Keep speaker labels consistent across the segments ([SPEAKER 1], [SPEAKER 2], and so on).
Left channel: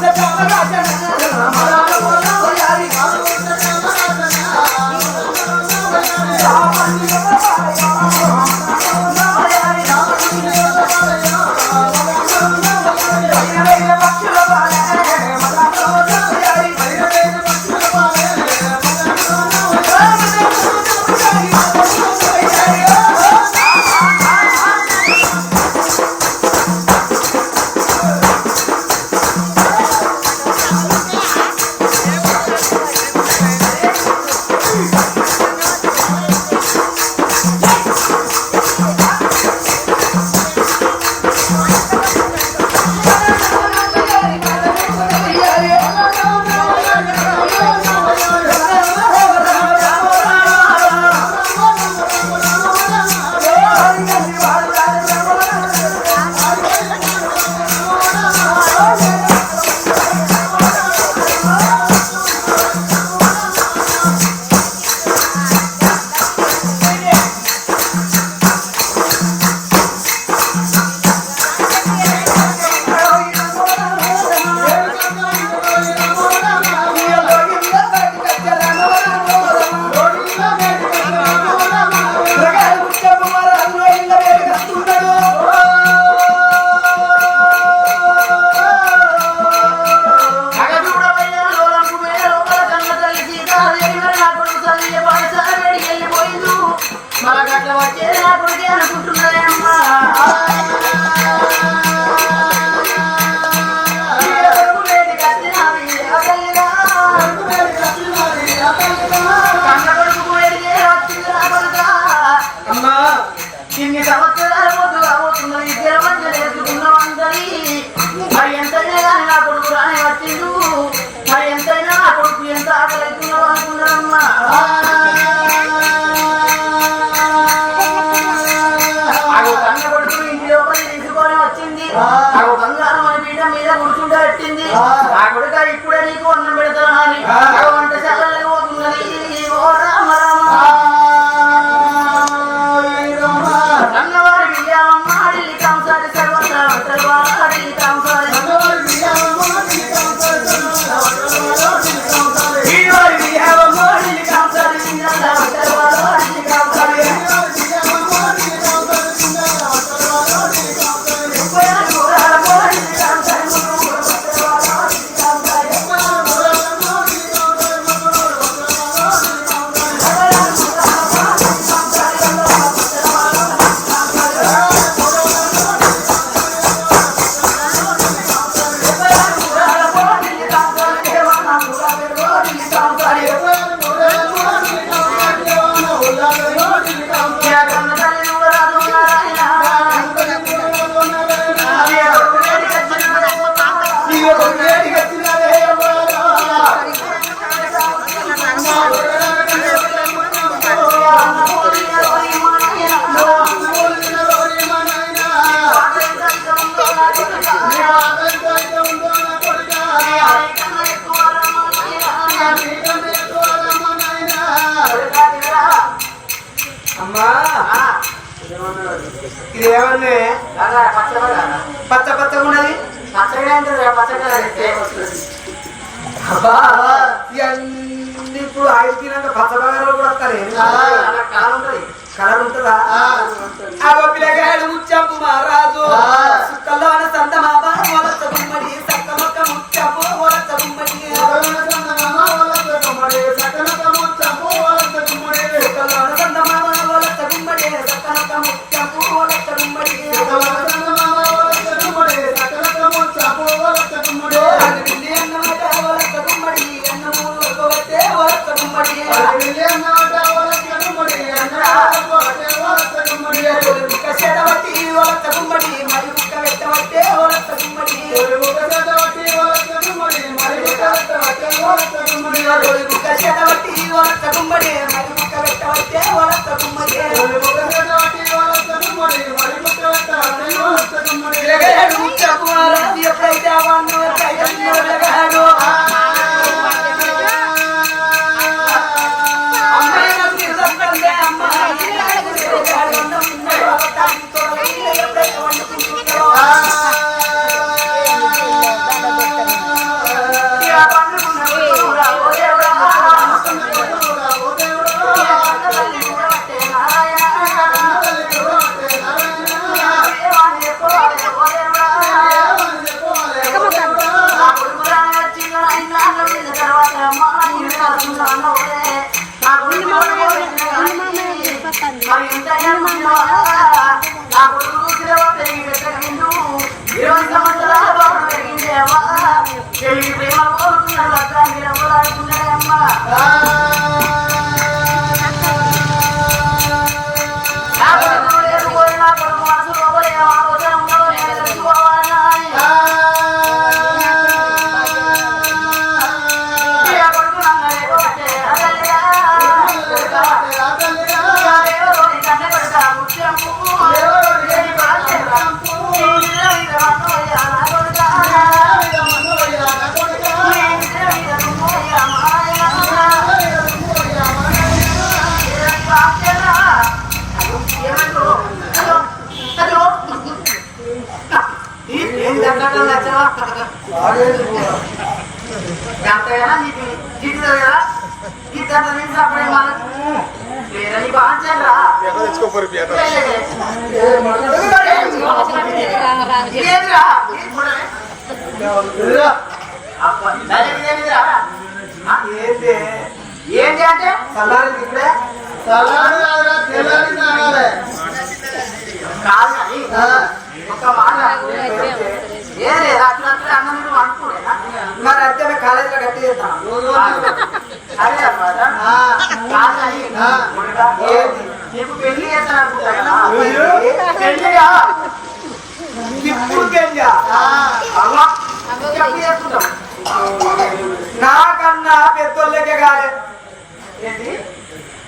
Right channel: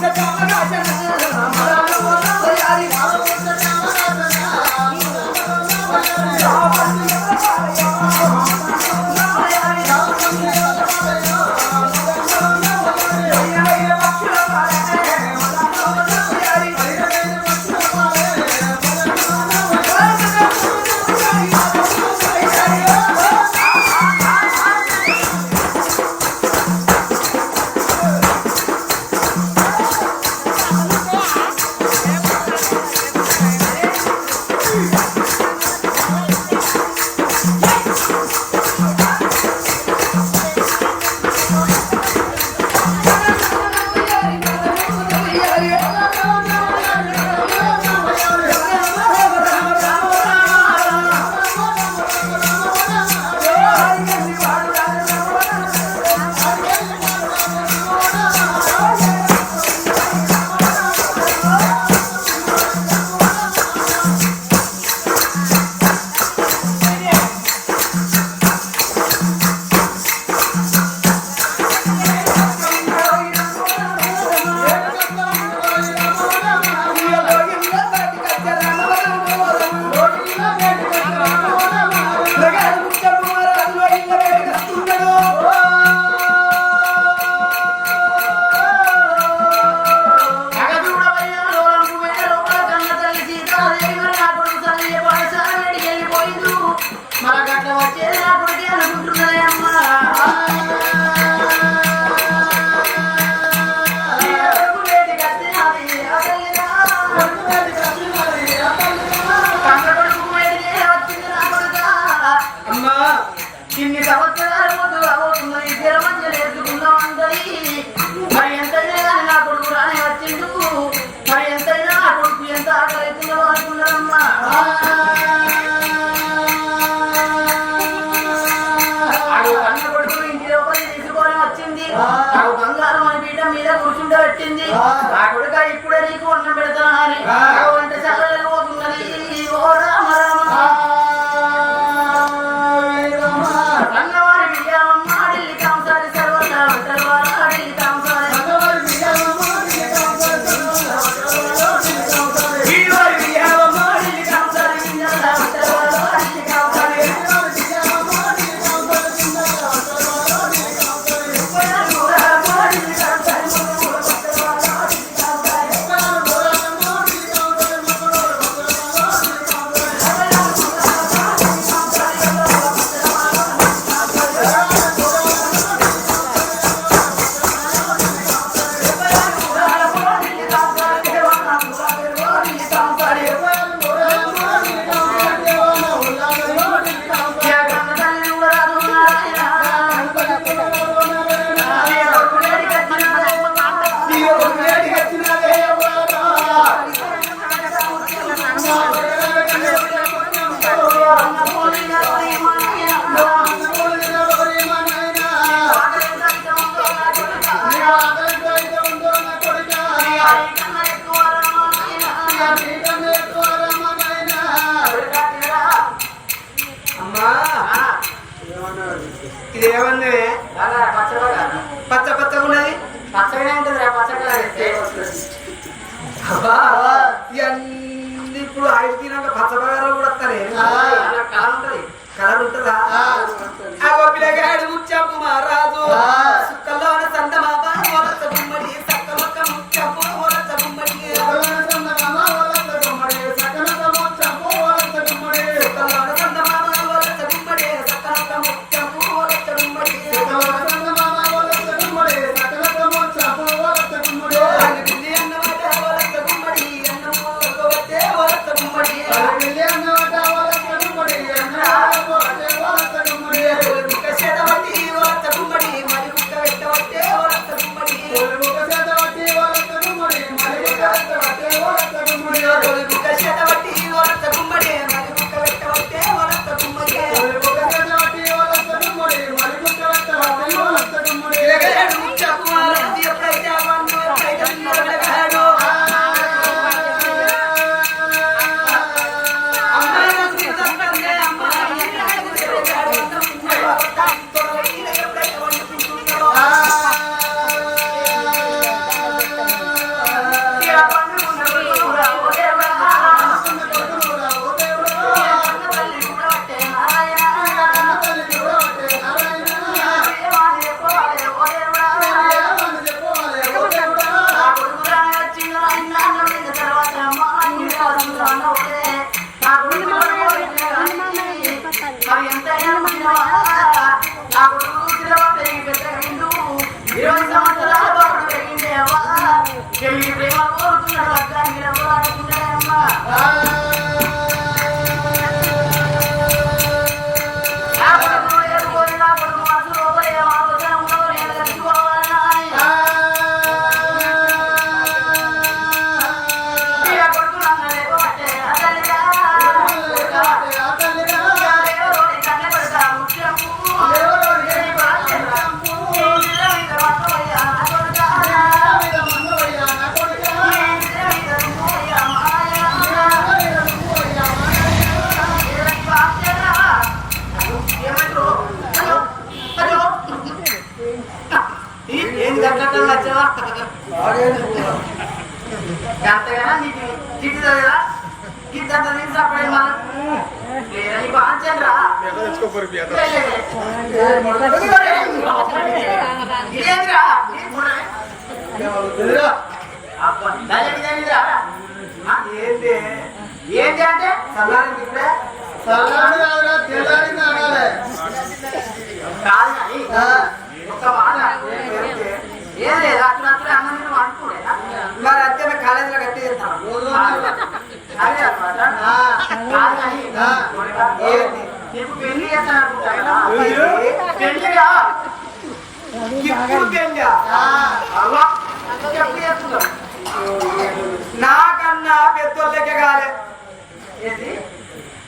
[SPEAKER 1] the dollar. కొడుకే అనుకుంటున్నదే পাখি কাম
[SPEAKER 2] করে ఇది ఏమన్నా పచ్చ పచ్చగా ఉన్నది?
[SPEAKER 1] ఉంటుంది పచ్చగా
[SPEAKER 2] ఇవన్నీ ఇప్పుడు ఆయిల్ తినాక పచ్చ బంగారాలు కూడా వస్తాయి.
[SPEAKER 1] కలర్ ఉంటుంది. కలర్ ఉంటుందా? పిల్లగాడు ఉచ్చంపు మహారాజు సంతమా que no, no, no, audience కూడా జాతకరా నీకు ఏంటి
[SPEAKER 3] అంటే
[SPEAKER 1] సల్లారి ఇప్పుడే?
[SPEAKER 3] సల్లారి తెల్లారి కాదు కానీ పెళ్ళి పెళ్ళియా
[SPEAKER 1] ఇప్పుడు పెళ్ళా నాకన్నా పెద్దోళ్ళకే కాలే
[SPEAKER 3] ఏంటి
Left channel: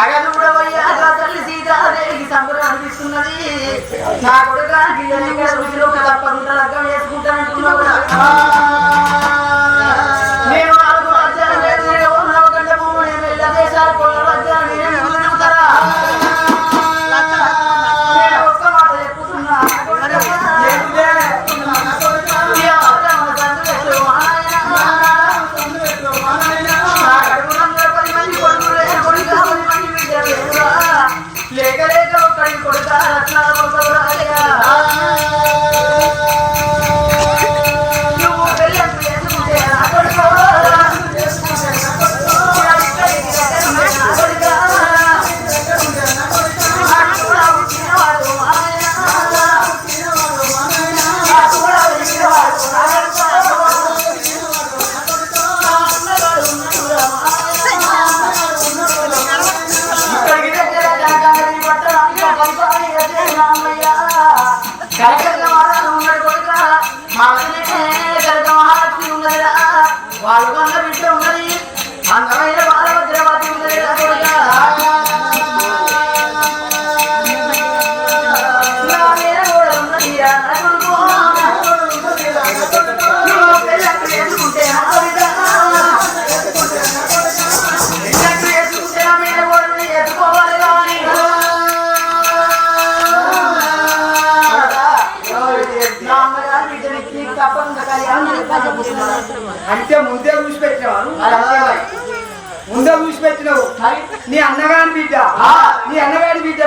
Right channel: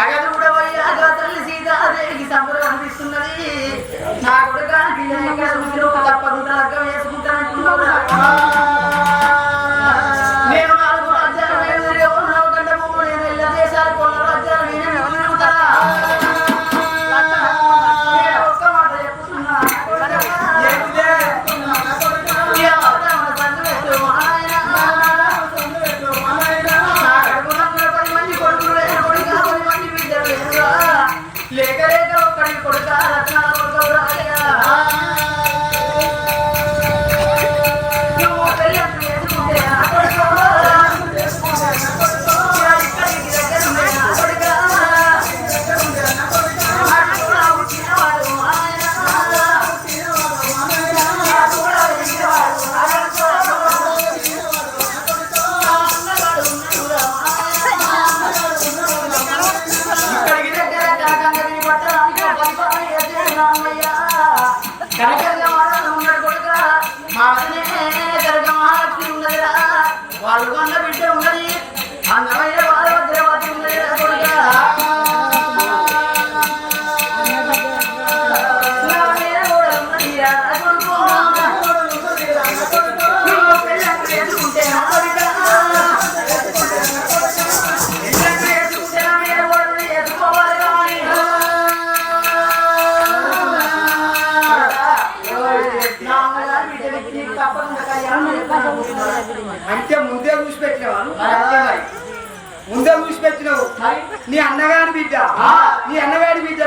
[SPEAKER 3] అగదుడవయ్యా తల్లి సీతాదేవికి అనిపిస్తున్నది. నా కొడుకు
[SPEAKER 1] తప్పకుండా లగ్గం చేసుకుంటానంటున్నావు Ciao.
[SPEAKER 3] అంటే ముందే చూసి పెట్టినావు?
[SPEAKER 1] అంతే.
[SPEAKER 3] ముందే చూసి పెట్టినావు. నీ అన్నగారి బిడ్డ. నీ అన్నగారి బిడ్డ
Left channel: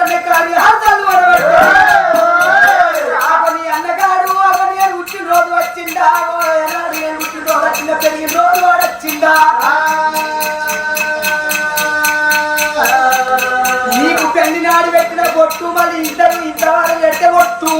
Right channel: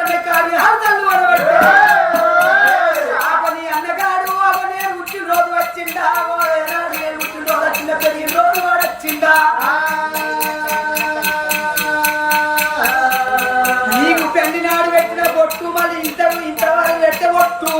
[SPEAKER 1] గుండెలు పట్టనే కార్యాలు వరబట్టే నీ అన్నగాడు అవని నేను పుట్టిన రోజు వచ్చిందా? ఓ నేను పుట్టిన రోజు వచ్చిందా? పెరిగిన రోజు వాడొచ్చిందా నీకు పెళ్ళి నాడు పెట్టిన బొట్టు మళ్ళీ ఇద్దరు ఇంతవరకు పెట్టే బొట్టు.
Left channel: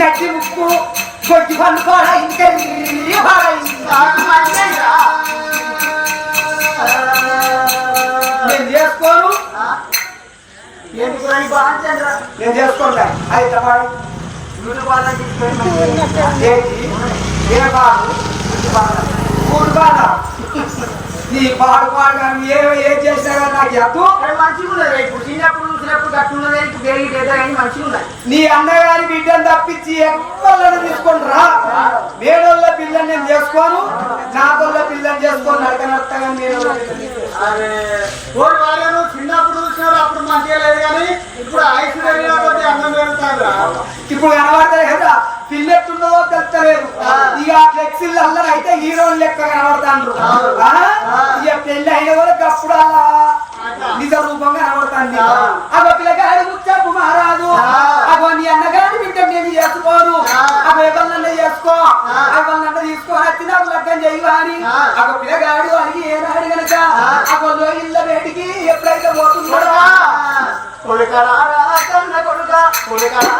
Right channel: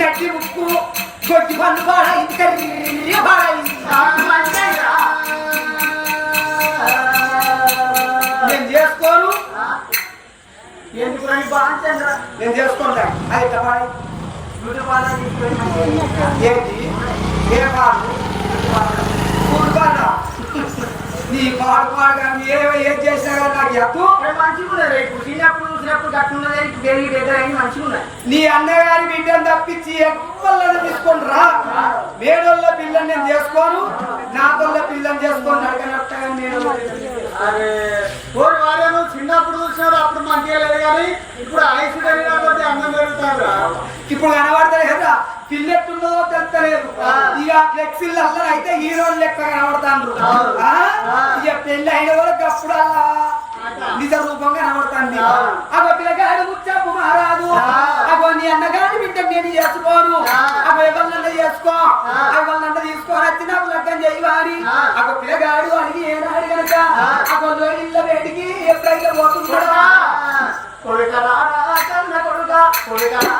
[SPEAKER 1] నటి ముక్కు కొద్ది పన్ను పాడైంది కన్నీ పాడైంది నేను చేసుకోను? ఎందుకు రా ఈ
[SPEAKER 3] నేను చేసుకోలే అయితే పాడు
[SPEAKER 1] నూటి పాలన తీసుకొని
[SPEAKER 3] ఏంటి ఏ మూడు బాగా. నీ పాడు పాడు కానీ ఏ ఏం చేసినా కానీ నాకు ఎత్తు
[SPEAKER 1] మంచిగా ఉన్నది ఇప్పుడు చిన్నప్పుడు చూసినప్పుడు ఇప్పుడు మంచిగా ఉన్నది
[SPEAKER 3] నీ అన్నగారి బిడ్డను తప్పించి ఎవ్వలను తీసుకొని రా. మేడోళ్ళ పిల్లని నేను చేసుకోను నా తోళ్ళ పిల్లని చేసుకోను నడకనట్టగా నేను
[SPEAKER 4] అరే ఓడి వారేను చిన్నప్పుడు చూసినాడు అప్పుడు మంచిగా లేదు కానీ ఇప్పుడు ఐసు పెరిగిన కొద్ది అందం పెరుగుతాడు
[SPEAKER 3] ఇప్పుడు కనబడతాయి కదా. పిల్లెట్టున్నదో తెలుస్తలేదు. ఇక ఫ్లెక్సిల్ అందరూ అయితే హీరోలు లెక్క కనబడతాండ్రు? ఇక పెళ్ళి అయిన వరకు అప్పుడు అలా నిజ రూపంగా కనబడుతుంది. అగో పిల్లగాడి ముచ్చపు మహారాజు. అగో నీ అన్నగాని బిడ్డ నేను చేసుకోను. అగో ఎవరినన్నా చేసుకో. ఎవరినన్నా తీసుకొని వచ్చి నాకు లగ్గం చేయవాని. అగో పిల్లగాడు అని ఏనాడు గనక అగో ఇళ్ళ వేటికి ఎప్పుడైతే పోతుందో
[SPEAKER 1] కొడుకరా కన్న కొడుక కొడుకరా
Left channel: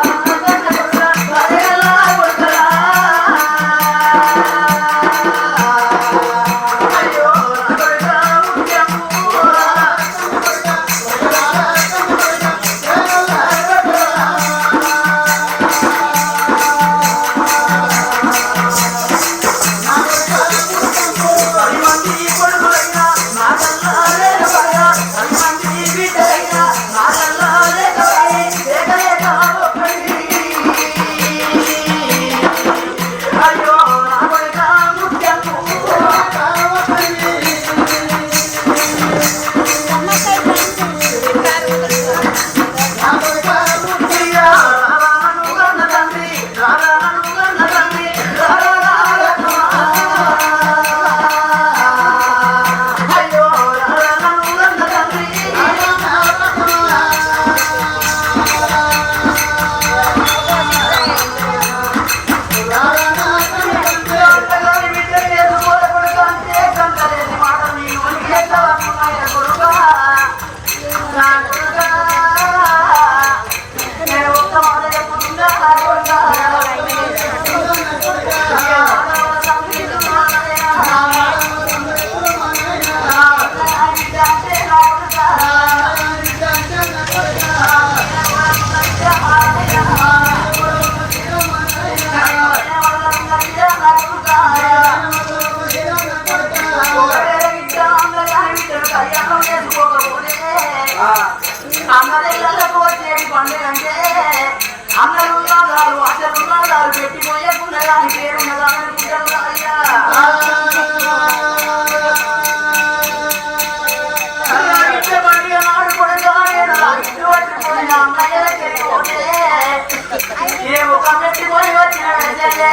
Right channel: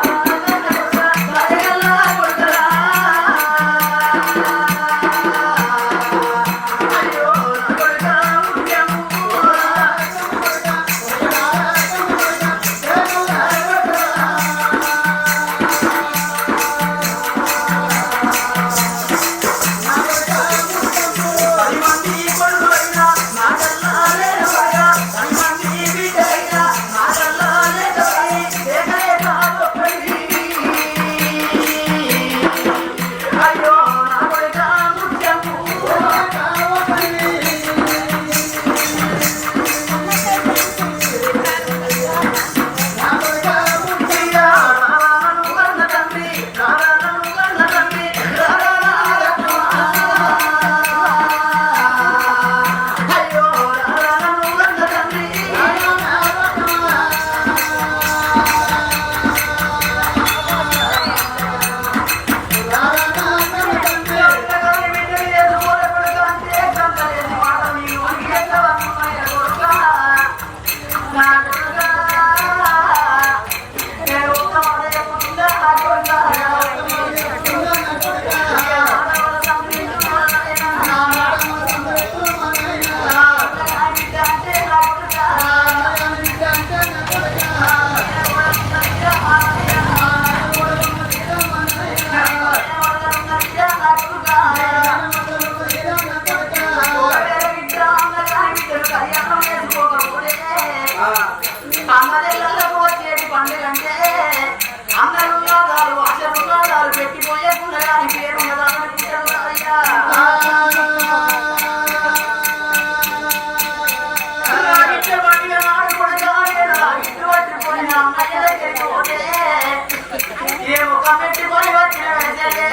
[SPEAKER 2] ముఖం పెట్టుకొని వచ్చిన వెంటనే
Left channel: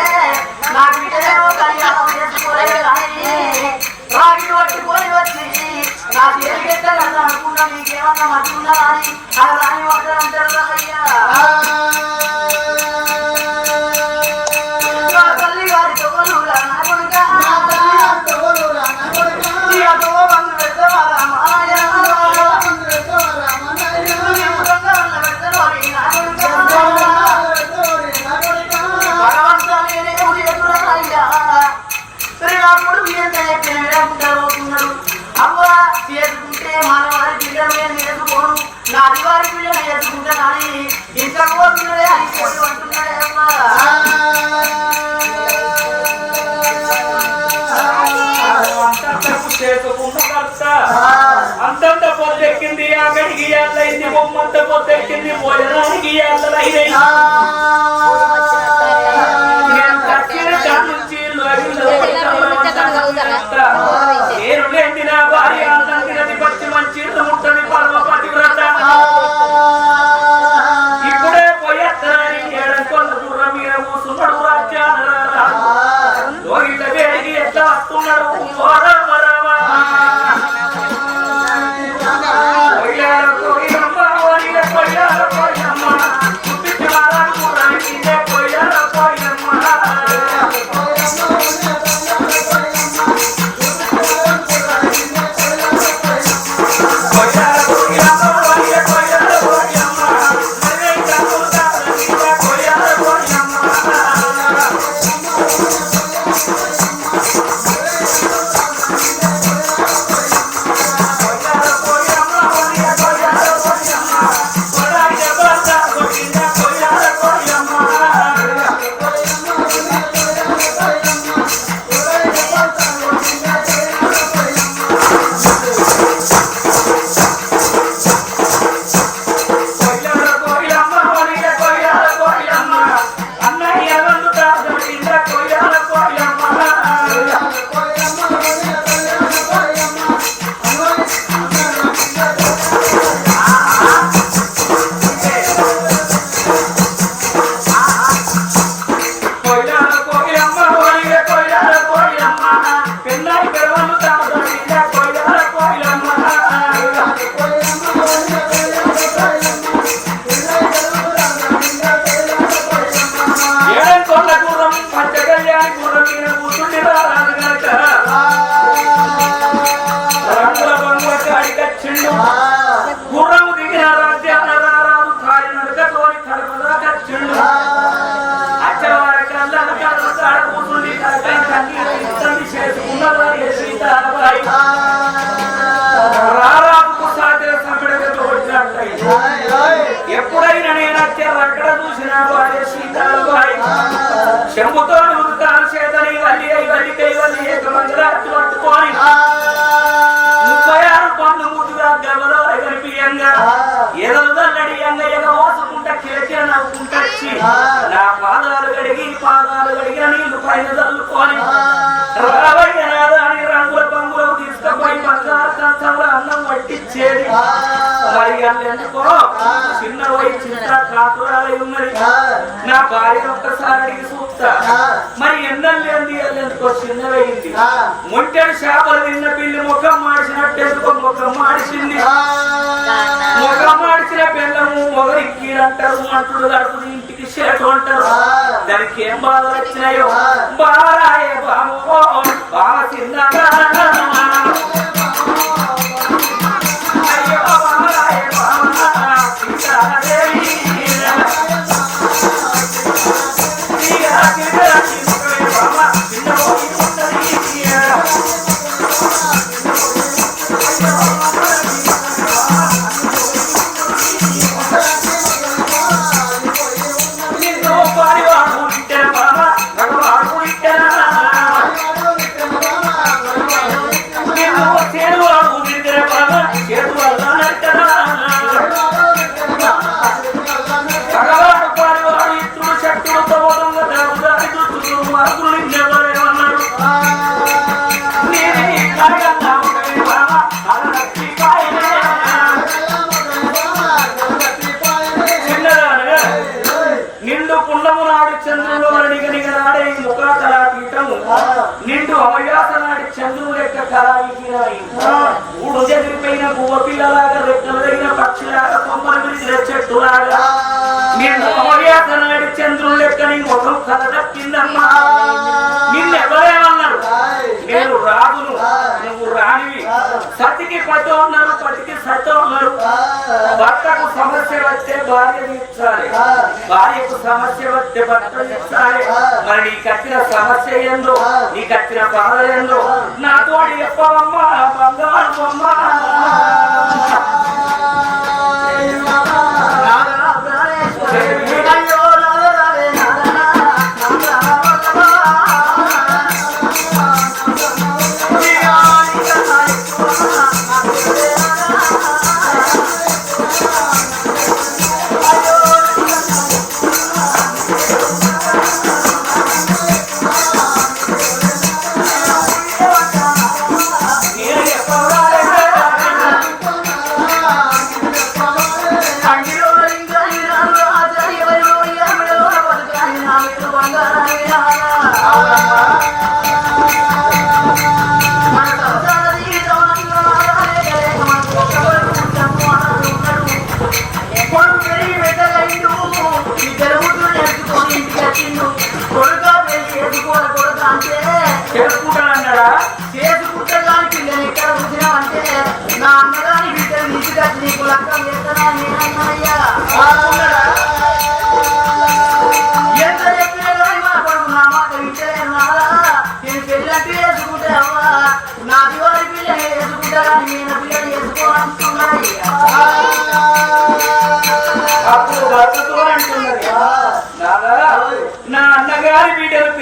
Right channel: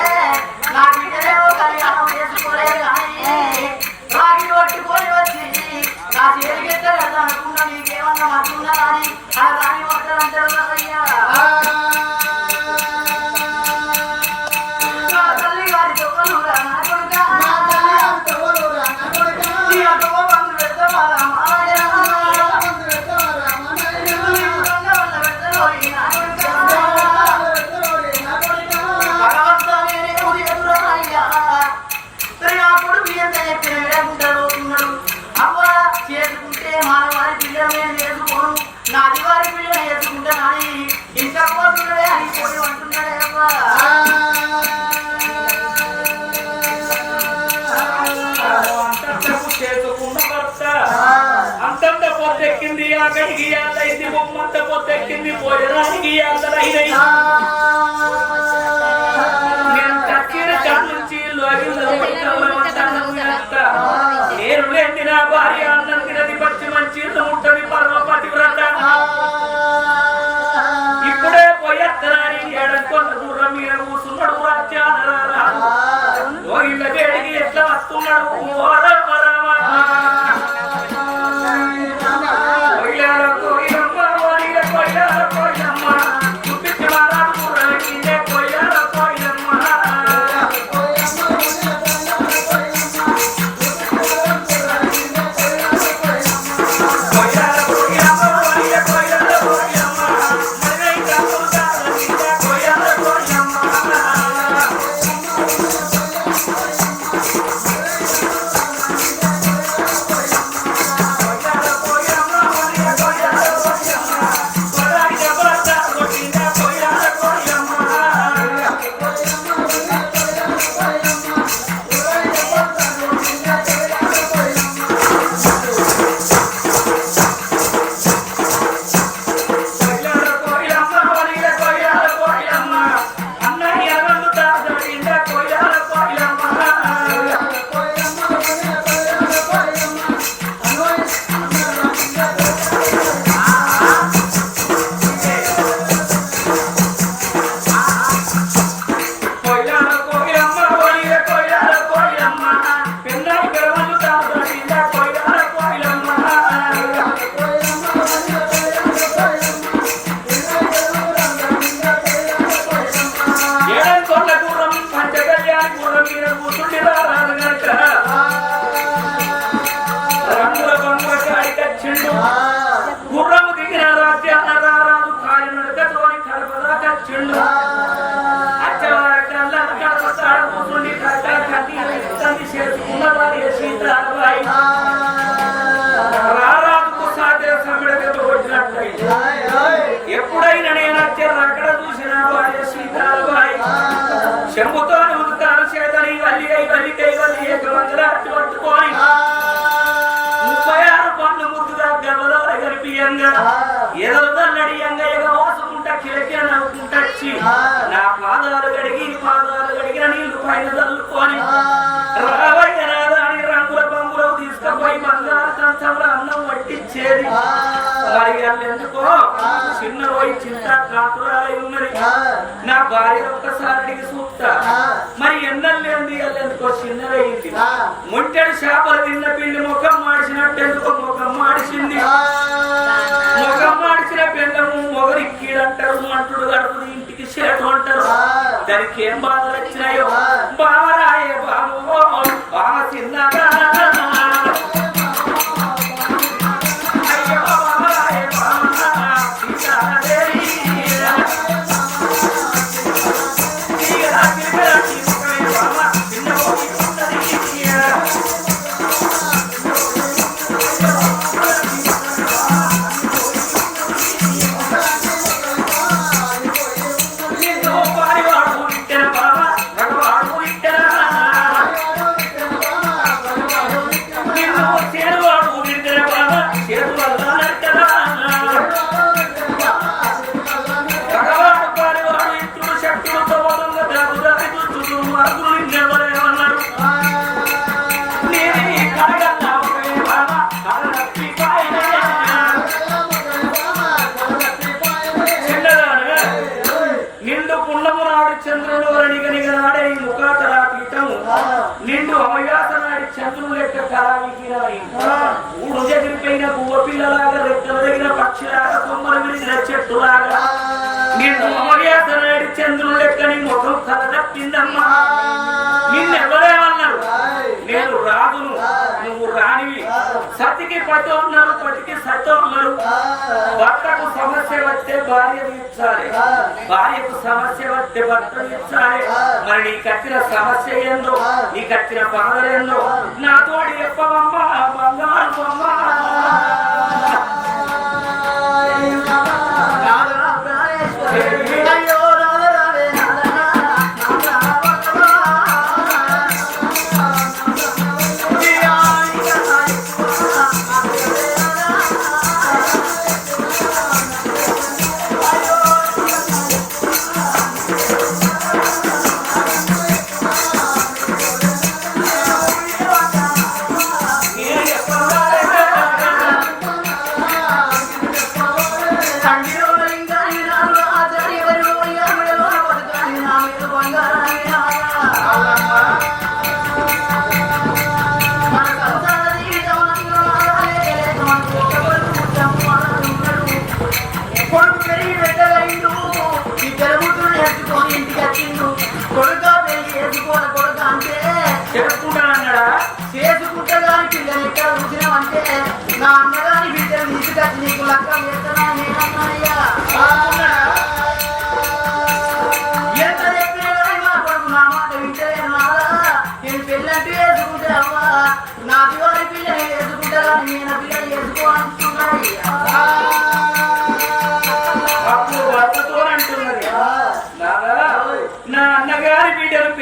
[SPEAKER 2] నా పట్టుకొని వచ్చి నా తేలికెత్తగలను అనుకున్నా నీకేమన్నా అని?
[SPEAKER 5] అంతంత పొద్దెక్కింది అక్కడికి అల్లయింది బొమ్మంత పొద్దెక్కింది భోజనానికి ఇయ్యాలైనాయి నేను లేని నా భార్య అన్నం తినది పచ్చి మంచి ముట్టది పరమ పతివ్రత మీద కూసున్నాడు రాజ్యాన వేడికి ఎట్లా వస్తున్నాడు? చేసుకున్న వారి ఎప్పుడైనా నేను అత్యర అక్కడ చూసిన వాడే సీతారాబాయి చెంబుతో వల్లి అయి వల్లికై వల్లి ఏకమంగళార్తి పట్టుకొని ముప్పై ఆరు పనులు ముద్దుగా గవలో కనిపించంగా ఎదలు దల్లడియంగా ఎగ మోసుకుంటా కిలకిల నవ్వుకుంటచ్చి నా పాదాలు కడిగి పాదాలు కడిగిన నీళ్ళు పైన చల్లుకొని రావయ్య రంగుల బంగులు తీసుకుపోయి బంగారు కంచంలో అన్నం వడ్డిచ్చేది మరి అల్లెందుకో చిన్న పోయి చింత కాకురాలై ఉన్నది. నా భార్య ఒక్కసారి అడిగి చూస్తా మరి ఎన్నెల్లేంది అల్లెందుకో చిన్నదైంది ముంటెడు చేపలు తిన్న పిల్లి ముఖం మాడిచినట్టెందుకో ముఖం మాడిచింది. ముఖం మాడిచిన పిల్లము మొగరిక్కీడంటారు అంటుడు గడుపుది ఇంటికి చేటు అంటారు. దానికి ఏం బాధలు వచ్చినాయో? బావరాయే బామో బావ చిన్నదా నాడి చంద్రుడు లెక్క కళావిహీనమై ఊడు చెదిరిపోయిన గువ్వ పిల్లలాగా రెక్కలు తగిన పక్షిలాగా కొమ్మలు విరిచిన చెట్టులాగా. అమవ్యాస నాడి చంద్రుడు లెక్క నీ ముఖం కలదప్పిందమ్మా నేను రాదును. నువ్వు రానివి. సతికి పట్టు అన్నారు పతికి సత్తు ఉన్నారు భర్తకు సమస్య వస్తే భార్య ఇచ్చాలి. భార్యకు సమస్య వస్తే భర్త ఇచ్చాలి. మరి నీ కట్టిన సమస్య ఏందో నీ కట్టిన బాధలేందో ఏందో నాతోటి చెప్పవమ్మా బంగారు బొమ్మ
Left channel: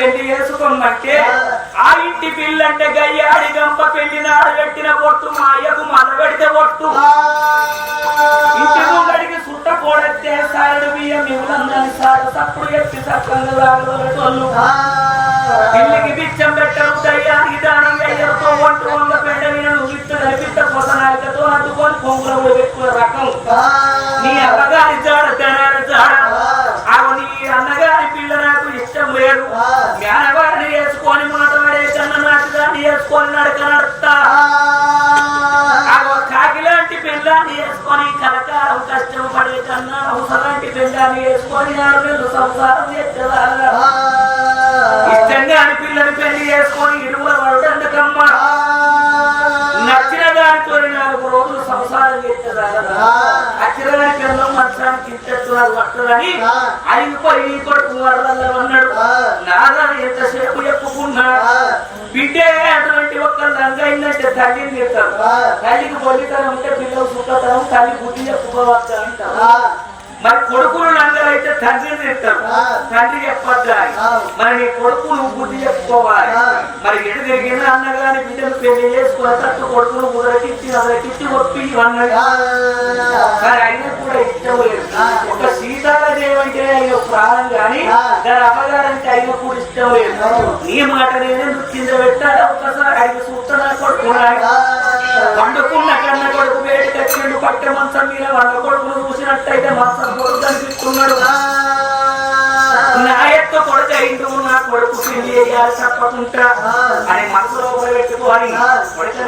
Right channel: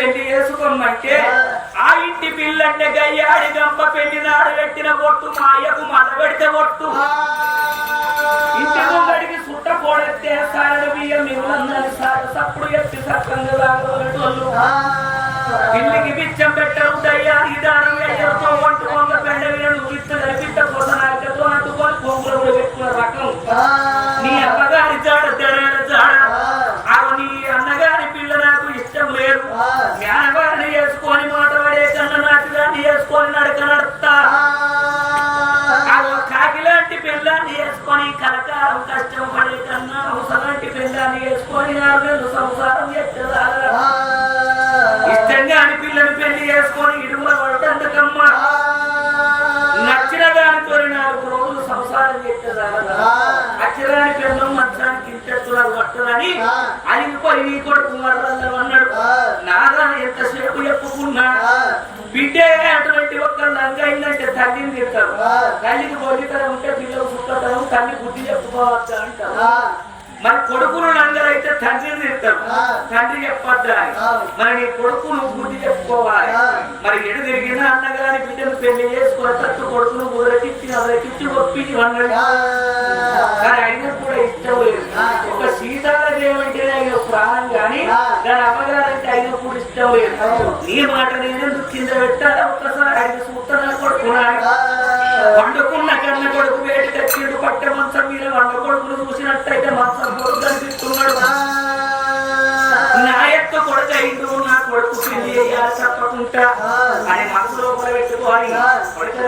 [SPEAKER 5] పెళ్ళి చేసుకోమంటే ఆ ఇంటి పిల్లంటే గయ్యాడి గంప పెళ్ళి నాడు పెట్టిన పొట్టు మా అయ్యకు మల్ల పెడితే పొట్టు ఇంటి ముంగడికి సుట్ట పోడెత్తే సారడు బియ్యం నీళ్ళందని సాగ తప్పుడు ఎత్తి లాగలు పిల్లికి బిచ్చం పెట్టరు దయ్యానికి దాని అయ్యతో వంట వంగ పెండ వీణను విత్త కలిపిత్త కొసనాలికతో అడ్డుకొని కొంగులో పెట్టుకున్న రకం. నీ అమ్మగారి జాడ తెనాల జాడ ఆమె నీ అన్నగారి పిల్ల నాకు జ్ఞానవారిని వేసుకొని మాట పడే కన్న నాటిదాన్ని వేసుకొని నడక నడుస్తా ఆమె కాకి లాంటి పిల్లాన్ని వేసుకొని కలకాలం కష్టం పడే కన్నా అవసరాంటి పిల్లాన్ని వేసుకొని నెలలు సంసారం ఎచ్చదాగా ఇష్టంగా అని పిల్లని పెళ్ళి చేసుకొని ఇడుగుల పడ్డందుకమ్మ నచ్చిన దానితో నాలుగు సంసారం చేసేదారా అచ్చిరాని పిల్లలు మంచానికి ఇంచెత్తున్నారు పట్టదని అది పోయి నీ కొడుకు అన్నాడు నాదా ఎంతసేపు చెప్పుకున్నా? బిడ్డే అటువంటి ఒక్క లంగైందంటే తల్లిని తిడతారు తల్లికి బొల్లితనం ఉంటే పిల్లలు సుఖతనం తల్లి బుద్ధి చెప్పుకోవద్దా అంటారు మరి కొడుకులు లంగరైతే తండ్రిని తిడతారు తండ్రి చెప్పొద్దా. మరి నీ కొడుకు నువ్వు బుద్ధి చెప్పుకోవాలి. మరి ఎడు తిరిగిన అన్నగాని బిడ్డను పెళ్ళి చేసుకున్న తట్టు కొడుకును ఉదరకిచ్చి అదరకిచ్చి ఒప్పి అన్నాడు కానీ అయినా కూడా ఇష్టం లేదు. ఒక సీతారాదేవి అంటేనే ఆయన ప్రాణం గాని దాని అమ్మగారంటే అయినా కూడా ఇష్టం లేదు. నీ మాట నేను కింద పెట్టాలి? ఒక్కసారి అడిగి చూస్తున్నా కొడుకున్నా వండుకున్న కన్న కొడుకు వేటి కచ్చిండు పట్టె మంచం మీద వండ కొడుకును చూసినట్టయితే మంచం కొడుకు కనిపిస్తున్నాడు. నా యొక్క కొడుకు అయిండు నా కొడుకు పెళ్ళి చేయాలి తప్పకుండా అని మనసులో పెట్టుకోవాలి. కొడుకు